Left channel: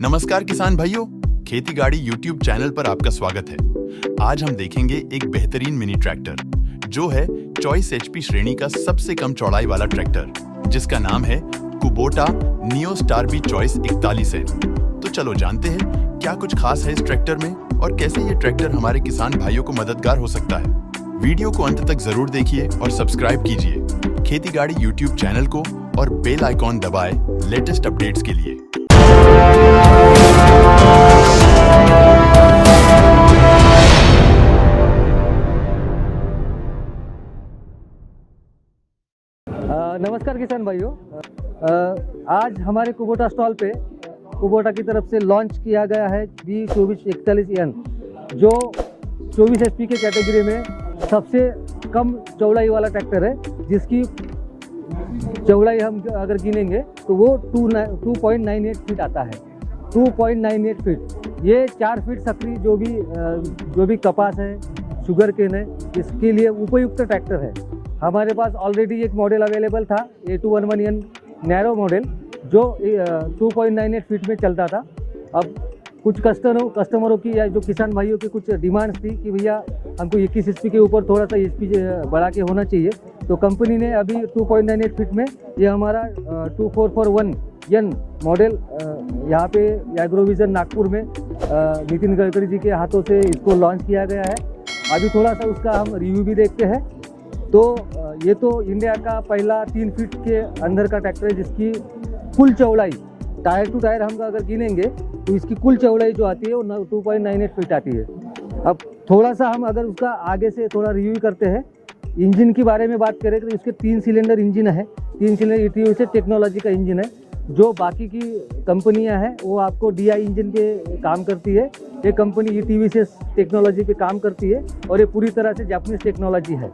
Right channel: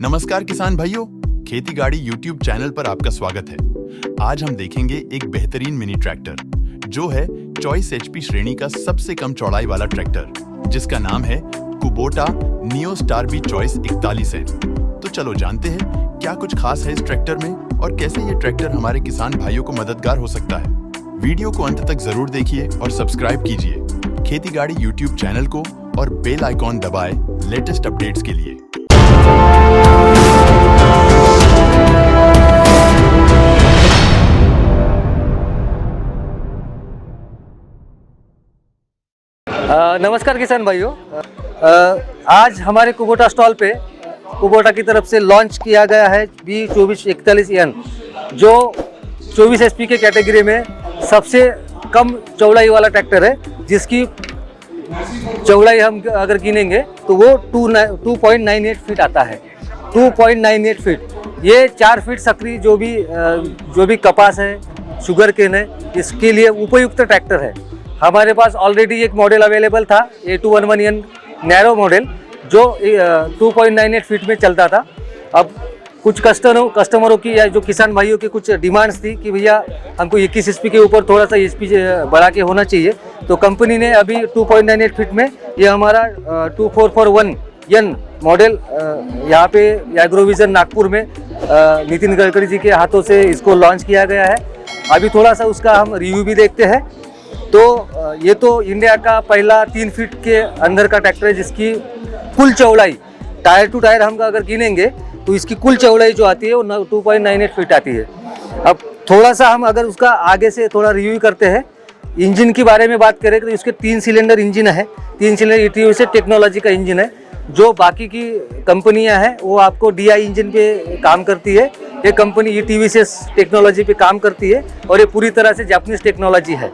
नमस्कार किसान भाइयों, खेती गाड़ी यूट्यूब चैनल पर आपका स्वागत है। आज हम देखेंगे एक बेहतरीन मिनी ट्रैक्टर जो है चॉइस एचपी श्रेणी का सबसे कम चौड़ाई वाला ट्रैक्टर, जिसका नाम है कुबोटा नियो स्टार बी चॉइस 41 है। तो चलो जानते हैं क्या कुछ खास है इस ट्रैक्टर में और कैसे ये ट्रैक्टर हमारे किसान भाइयों को मददगार हो सकता है। वीडियो को अंत तक जरूर देखिए और सब्सक्राइब कीजिए खेती गाड़ी यूट्यूब चैनल को और बेल आइकॉन दबाएं लेटेस्ट अपडेट्स के लिए। नमस्कार किसान भाइयों, आज हमारे कुबोटा स्टॉल पे कुबोटा की तरफ से लॉन्च किया गया है B2441 जो 24 HP के कैटेगरी में सबसे कम चौड़ाई वाला ट्रैक्टर है, जिसकी चौड़ाई हम अगर गिनेंगे तो वो 2.98 फीट आता है। 2.98 फीट, ये 4 फीट सक्रिय जो भी कपास है, शुगर केन है, इसके लिए उपयुक्त ट्रैक्टर है। हमारे पास ऑलरेडी एक मॉडल अवेलेबल था A211N नैरो मॉडल जो 2.98 फीट में चलता था। अब कुछ कस्टमरों की या जो किसान भाइयों की कुछ डिमांड्स थी कि भैया हमको 21 HP के ऊपर थोड़ा सा HP बढ़ा के होना चाहिए, तो कंपनी ने अभी 2.98 फीट में ये हमारा 2441N मॉडल यहाँ पे एग्रोविजन नागपुर में नितिन गडकरी जी के हाथों से इसको लॉन्च किया गया है। अभी थोड़ा सा उसका हम रिव्यू भी देखते हैं। तो ये तो इंडिया का पहला 3 फीट के अंदर का ट्रैक्टर है, जिसकी कुल चौड़ाई टायर टू टायर हम अगर गिनेंगे तो इसकी कुल चौड़ाई जो आती है वो 2.98 फीट आती है। अब थोड़ा सा हम अगर उसका आगे से थोड़ा रिव्यू करते हैं, इंजन के बारे में बात करें तो इसके 3 सिलेंडर इंजन है। 3 सिलेंडर ETVS टेक्नोलॉजी का इंजन है। जो बाकी की कंपनियां हैं वो आपको DI इंजन पे काम करती है, ये कंपनी ETVS टेक्नोलॉजी पे काम करती है और ये पूरी तरह से जापानीज टेक्नोलॉजी है।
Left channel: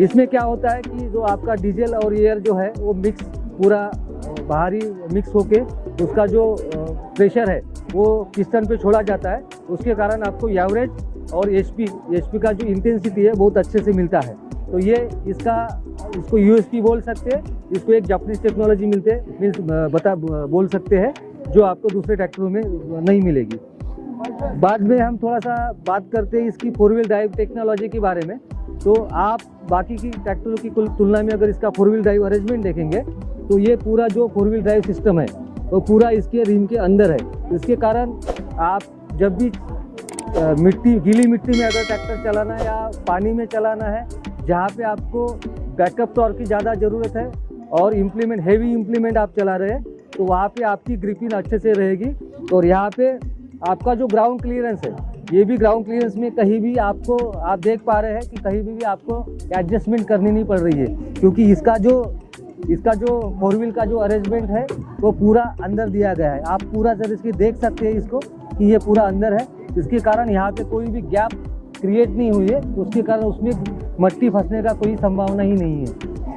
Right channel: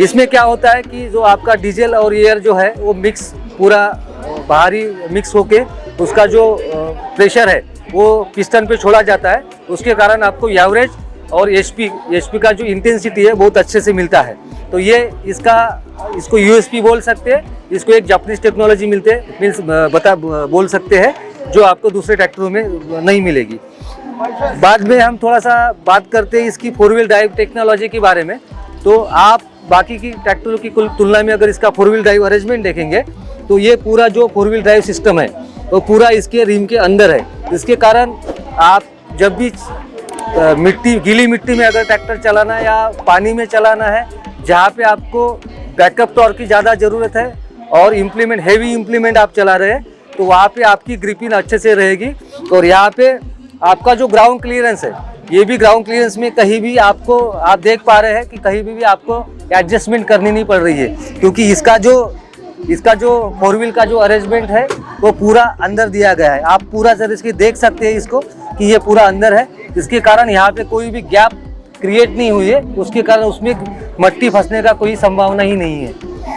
इसमें क्या होता है कि जो आपका डीजल और एयर जो है वो मिक्स पूरा बाहरी मिक्स होके उसका जो प्रेशर है वो पिस्टन पे छोड़ा जाता है, उसके कारण आपको एवरेज और HP का जो इंटेंसिटी है बहुत अच्छे से मिलता है। तो ये इसको USP बोल सकते हैं, इसको एक जापानीज टेक्नोलॉजी बोल सकते हैं जो आपको दूसरे ट्रैक्टरों में नहीं मिलेगी। बाद में हम थोड़ा सा बात करते हैं इसकी 4 व्हील ड्राइव टेक्नोलॉजी के बारे में। तो आप बाकी की ट्रैक्टरों की तुलना में अगर इसका 4 व्हील ड्राइव अरेंजमेंट देखेंगे तो ये पूरा जो 4 व्हील ड्राइव सिस्टम है वो पूरा इसके रिम के अंदर है। इसके कारण आप जब भी गीली मिट्टी में अगर ट्रैक्टर चलाना है या पानी में चलाना है, जहाँ पे आपको बैकअप टॉर्क की ज़्यादा ज़रूरत है और हैवी इम्प्लीमेंट आप चला रहे हैं, तो वहाँ पे आपकी ग्रिपिंग अच्छे से रहेगी। और यहाँ पे आपका जो ग्राउंड क्लियरेंस है, ये भी ग्राउंड क्लियरेंस में कहीं भी आप देख पा रहे हैं कि कहीं भी आपको एडजस्टमेंट करनी नहीं पड़ रही है, क्योंकि इसका जो 4 व्हील का जो अरेंजमेंट है वो पूरा अंदर दिया गया है। आप पूरा तरह से देख सकते हैं इसको कि ये पूरा अंदर है। इसके कारण यहाँ पे कोई भी गैप क्रिएट नहीं हुई है, उसके कारण उसमें मट्टी फंसने का कोई संभावना ही नहीं है।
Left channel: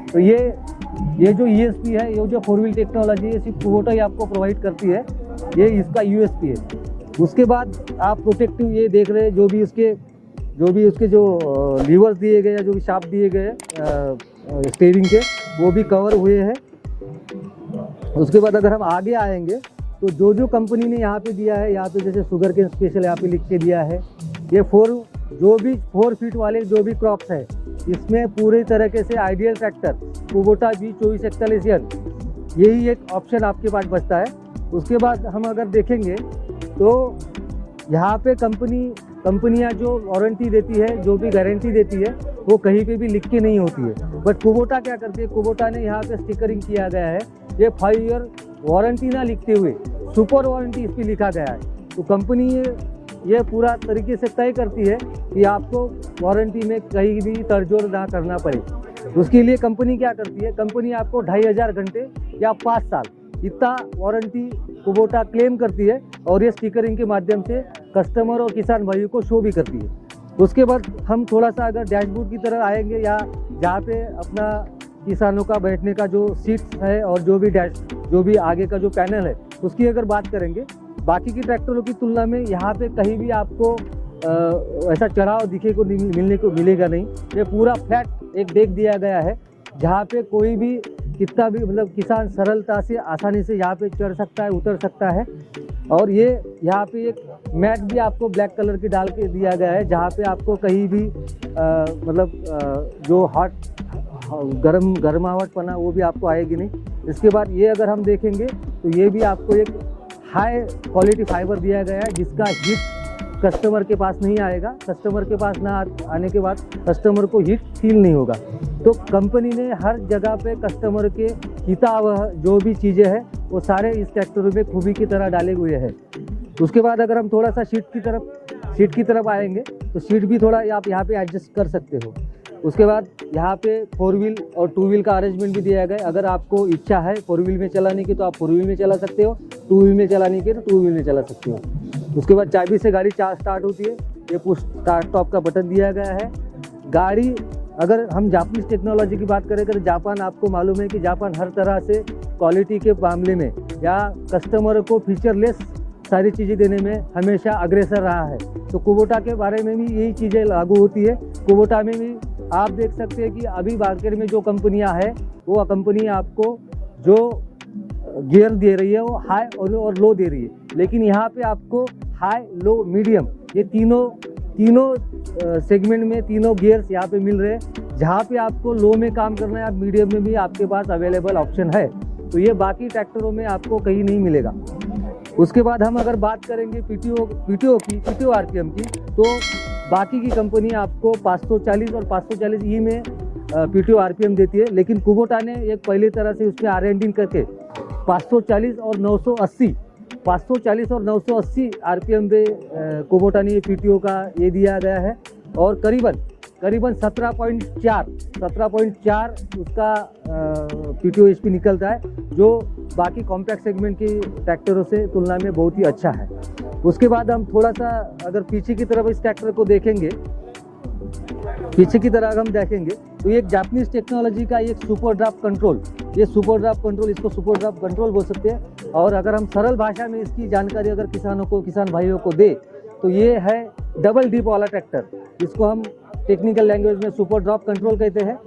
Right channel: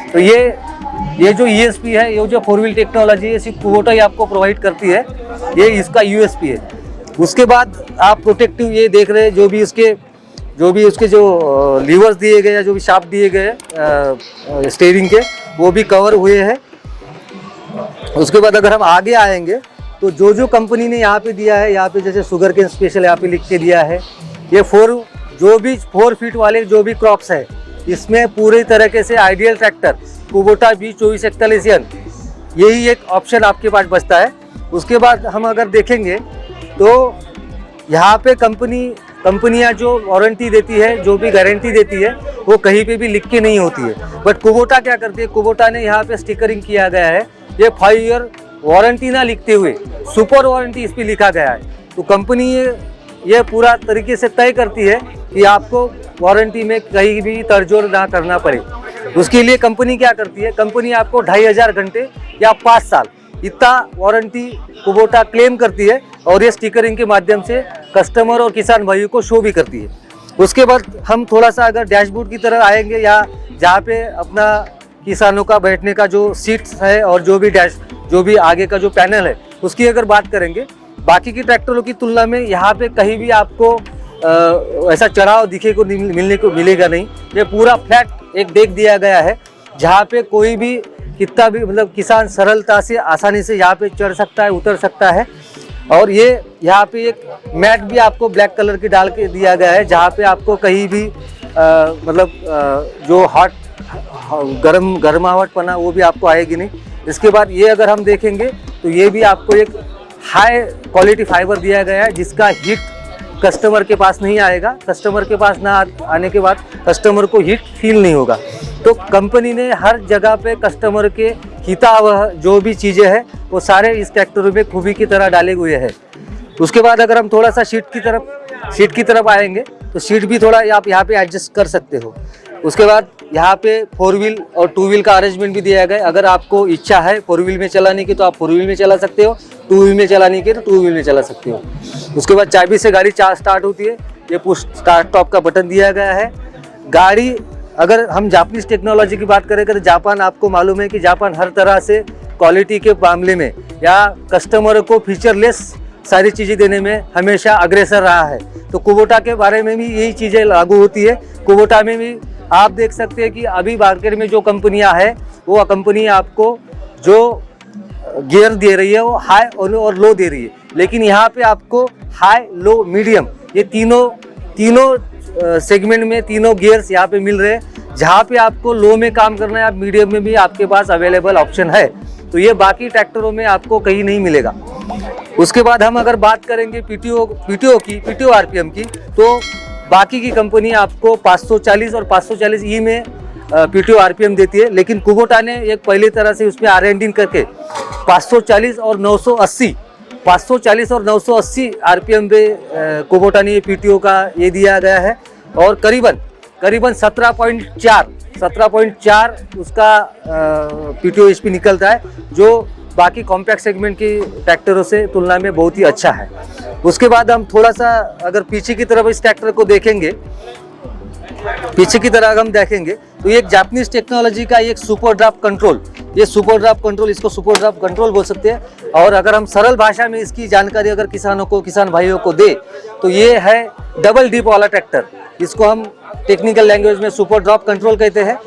तो ये जो ESP है, ये जो 4 व्हील टेक्नोलॉजी है, सिर्फ कुबोटा ही आपको प्रोवाइड करती है, ये इसका USP है। उसके बाद आप प्रोटेक्टिव ये देख रहे हैं, जो भी उसके जो लीवर्स दिए गए, जो भी शाफ्ट दिए गए स्टीयरिंग के, वो भी कवर हुए हैं। उसके बाद अगर हम आगे आएंगे तो जो कंपनी ने यहाँ पे दिया है, यहाँ पे जैसे शुगर केन स्पेशल यहाँ पे लिख के दिया है, ये 4 फीट वाले जो भी क्रॉप्स है, इसमें पूरी तरीके से आइडियल ट्रैक्टर कुबोटा B2441 यही एक ऑप्शन आपके पास बचता है। उसके बाद हम अगर देखेंगे तो यहाँ पे कंपनियाँ जो वारंटी देती है, जो भी गारंटी देती है, वो कहीं पे भी लिख के नहीं होती है। बट कुबोटा क्या करती है, कुबोटा ने यहाँ पे स्टिकरिंग किया गया है, ये 5 ईयर वारंटी ना लिखते हुए सुपर वारंटी इस पर लिखा गया है। तो कंपनी ये पूरा तरीके से तय करती है कि आपको वारंटी में कहीं भी तड़जोड़ ना करना पड़े। उसके लिए कंपनी क्या करती है, कंपनी आपको 2500 घंटे या 5 साल इतना वारंटी कुबोटा क्लेम करती है और ये स्टिकरिंग के माध्यम से कस्टमर और किसान भाइयों को शो भी करती है। उसके बाद हम थोड़ा सा अगर डैशबोर्ड की तरफ आएंगे, या जहाँ पे अपना किसानों का बैठने का जो सीट्स है और जो भी आगे का जो पैनल है, उसकी अगर बात करेंगे, बाकी की ट्रैक्टरों की तुलना में यहाँ पे कहीं भी आपको ऐसा चढ़ाव मिलेगा नहीं। ये पूरा फ्लैट एक डेक दिया गया है, जहाँ पे कोई भी कितना भी किसान सरलता से आसानी से यहाँ पे चढ़ सकता है, उतर सकता है। और ये यहाँ पे एक मैट भी आपको ब्लैक कलर की डाल के दिया गया है, जहाँ पे आपको कहीं भी जो हॉट गर्माहटपना वो भी आपको आएगी नहीं। इसके बाद ये अगर हम देखेंगे तो ये भी आपको एक हाई क्वालिटी फाइबर दिया गया है, जिसका हीट कस्टमर के पास नहीं आएगा। कस्टमर के पास ना आने के बाद कस्टमर को हीट फील नहीं होगा। तो कंपनी ने हर जगह पे कस्टमर के हितावह जो भी चीज़ें हैं वो सारे इस ट्रैक्टर में खूबी की तरह डाले हुए हैं। उसके बाद अगर हम थोड़ा सा सीट की तरफ आएंगे तो सीट भी थोड़ा आप यहाँ पे एडजस्ट कर सकते हो। उसके बाद यहाँ पे 4 व्हील और 2 व्हील का अरेंजमेंट भी दिया गया है। अगर आपको इच्छा है 4 व्हील में चलाने की तो आप 4 व्हील में चला सकते हो, 2 व्हील में चलाने की तो 2 व्हील में चला सकते हो। उसके बाद चाबी से गाड़ी स्टार्ट होती है। ये पुश स्टार्ट स्टॉप का बटन दिया गया है। गाड़ी अगर हम जापानीज टेक्नोलॉजी की बात करें तो जापान, आपको मालूम है कि जापान हर तरह से क्वालिटी के मामले में या कस्टमर को फीचरलेस सारी चीज़ें देने में हमेशा अग्रसर रहा है। तो कुबोटा के बारे में भी यही चीज़ें लागू होती है। कुबोटा में भी आप देख सकते हैं कि अभी मार्केट में जो कंपनियां हैं वो कंपनी आपको जो गियर दे रही है वो हाई और लो दे रही है, लेकिन यहाँ पे आपको हाई, लो, मीडियम ये तीनों सेगमेंट में तीनों गियर्स यहाँ पे मिल रहे हैं। जहाँ पे आपको लो में काम करना है, आप मीडियम में भी आपके पास अवेलेबल ऑप्शन है। तो ये बाकी ट्रैक्टरों में आपको कहीं नहीं मिलेगा। उसके बाद हम अगर बात करेंगे पीटीओ आरपीएम की, तो बाकी की कंपनी आपको 540 और 540E में पीटीओ आरपीएम देती है, लेकिन कुबोटा ने एक पहली तरह से उसमें R&D करके 540 और 980 आरपीएम पे कुबोटा ने ये पीटीओ का ये दिया गया है। और करीबन 17.4 उसका पीटीओ एचपी निकलता है, जो बाकी कॉम्पैक्ट सेगमेंट की ट्रैक्टरों से तुलना में बहुत ही अच्छा है। उसके बाद हम थोड़ा सा अगर पीछे की तरफ इस ट्रैक्टर को देखेंगे, तो ये एक जापानीज टेक्नोलॉजी का एक सुपर ड्राफ्ट कंट्रोल, इसको सुपर ड्राफ्ट कंट्रोल बोल सकते हैं। और अगर हम सरल भाषा में इसकी जानकारी अगर किसान भाइयों को दे तो ये है डबल डिप वाला ट्रैक्टर। इसको हम टेक्निकल लैंग्वेज में सुपर ड्रॉप कंट्रोल कहते हैं।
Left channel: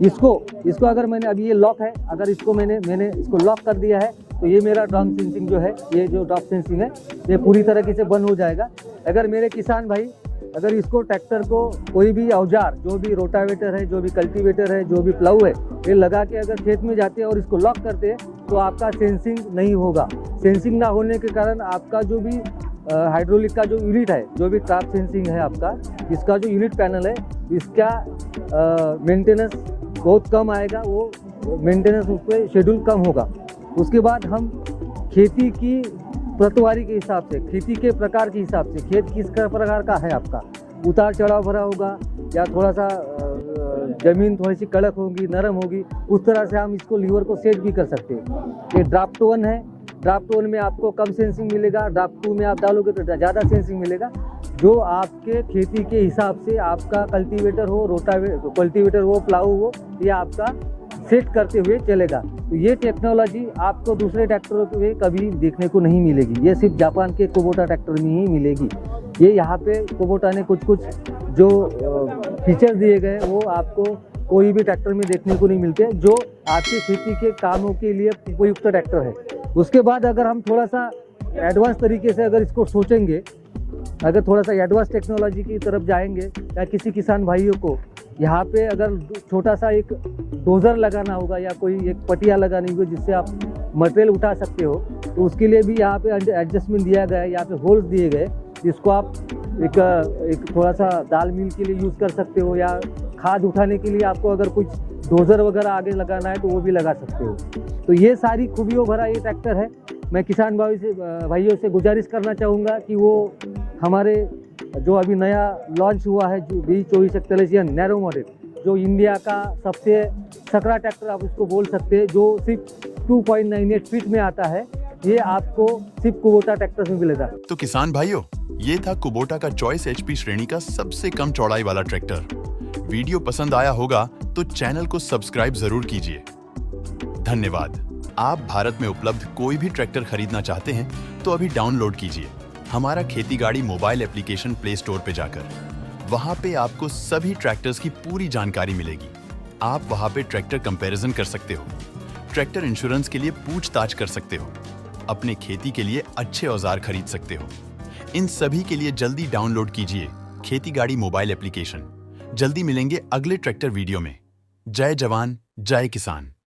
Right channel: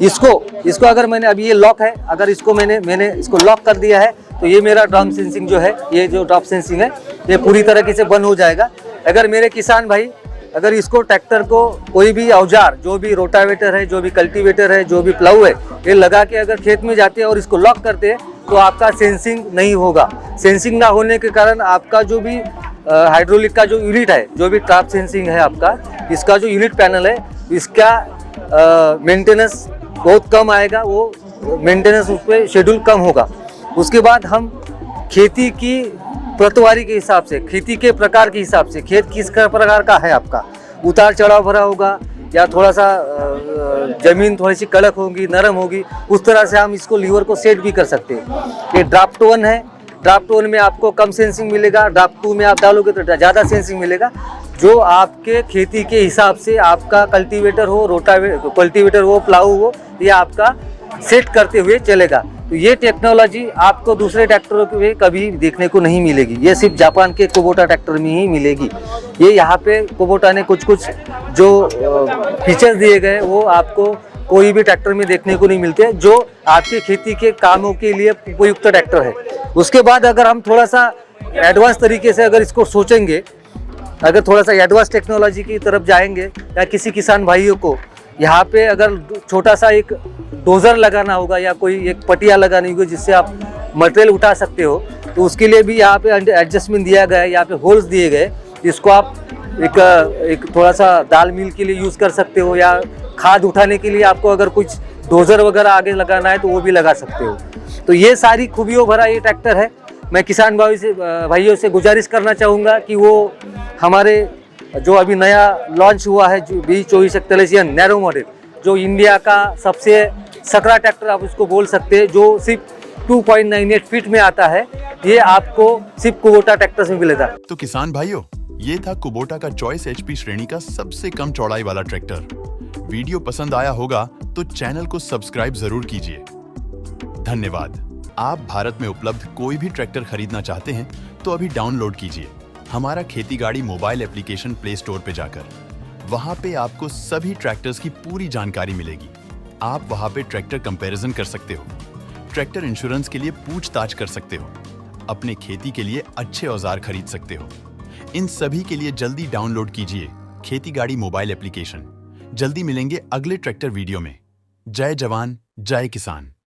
इसको अगर मैंने अभी ये लॉक है, अगर इसको मैंने इसको लॉक कर दिया है तो ये मेरा ड्रॉप सेंसिंग जो है, ये जो ड्रॉप सेंसिंग है ये पूरी तरीके से बंद हो जाएगा। अगर मेरे किसान भाई अगर इसको ट्रैक्टर को कोई भी औजार, जो भी रोटावेटर है, जो भी कल्टीवेटर है, जो भी प्लाऊ है, ये लगा के अगर खेत में जाते हैं और इसको लॉक करते हैं तो आपका सेंसिंग नहीं होगा। सेंसिंग ना होने के कारण आपका जो भी हाइड्रोलिक का जो यूनिट है, जो भी ट्रैप सेंसिंग है आपका, इसका जो यूनिट पैनल है, इसका मेंटेनेंस बहुत कम आएगा, वो मेंटेनेंस उस पर शेड्यूल कम होगा। उसके बाद हम खेती की प्रतवारी के हिसाब से, खेती के प्रकार के हिसाब से, खेत किस प्रकार का है आपका, उतार चढ़ाव भरा होगा या थोड़ा सा जमीन थोड़ी सी कड़क होगी, नरम होगी, उस तरह से हम इसको लीवर को सेट भी कर सकते हैं। ये ड्राफ्ट 1 है। ड्राफ्ट 1 में आपको कम सेंसिंग मिलेगा, ड्राफ्ट 2 में आप डालोगे तो ज़्यादा सेंसिंग मिलेगा। जो आपके खेती के हिसाब से आपका कल्टीवेटर हो, कल्टीवेटर हो, प्लाऊ हो, ये आपका सेट करते हुए चलेगा। तो ये टेक्नोलॉजी आपको दूसरे ट्रैक्टरों में कभी देखने को नहीं मिलेगी, ये सिर्फ जापान के कुबोटा ट्रैक्टर में ही मिलेगी। ये यहाँ पे कुबोटा ने कुछ जो फीचर्स दिए गए वो आपको कोई भी ट्रैक्टर में देखने को नहीं मिलते, जो आपके खेती के कामों के लिए उपयुक्त ट्रैक्टर है। उसके बाद अगर हम थोड़ा सा एडवांस तरीके से अगर इसको सोचेंगे, अगर थोड़ा सा एडवांस टेक्नोलॉजी की तरफ जाएंगे, या किसी किसान भाइयों को यहाँ पे अगर छोटा सा एक डोजर लगाना होगा या कोई एक पटिया लगानी होगी जिससे आप मटेरियल उठा सकते हो, तो उसके लिए भी यहाँ पे एडजस्टमेंट दिया गया है। यहाँ पे होल्स दिए गए, इसको आप एक थोड़ा सा दाल मिल के लिए यूज़ कर सकते हो, या खाद उठाने के लिए आपको अगर कुछ डोजर वगैरह आगे लगाना है तो वो भी लगा सकते हो। तो ये सारी खूबियों भरा ये ट्रैक्टर है। मैं किसान भाइयों से गुजारिश करना चाहूँगा कि वो हमारे जो अभी नया लॉन्च हुआ है B2441 नैरो मॉडल, जो इंडिया का सबसे सकरा ट्रैक्टर आप उसको बोल सकते हैं, जो सिर्फ 2.98 फीट में आता है, ये आपको सिर्फ कुबोटा ट्रैक्टर से मिलेगा। तो किसान भाइयों, ये था कुबोटा का चॉइस HP श्रेणी का सबसे कम चौड़ाई वाला ट्रैक्टर। वीडियो पसंद आया होगा तो चैनल को सब्सक्राइब जरूर कीजिए। धन्यवाद। आप भारत में उपलब्ध कोई भी ट्रैक्टर खरीदना चाहते हैं तो अभी डाउनलोड कीजिए हमारा खेती गाड़ी मोबाइल एप्लीकेशन प्ले स्टोर पे जाकर। वहां पे आपको सभी ट्रैक्टर्स की पूरी जानकारी मिलेगी। आप वहां पे ट्रैक्टर कंपैरिजन कर सकते हो, ट्रैक्टर इंश्योरेंस के लिए पूछताछ कर सकते हो, अपने खेती के लिए अच्छे औजार खरीद सकते हो। इन सभी के लिए जल्दी डाउनलोड कीजिए खेती गाड़ी मोबाइल एप्लीकेशन। जल्दी मिलेंगे अगले ट्रैक्टर वीडियो में। जय जवान, जय किसान।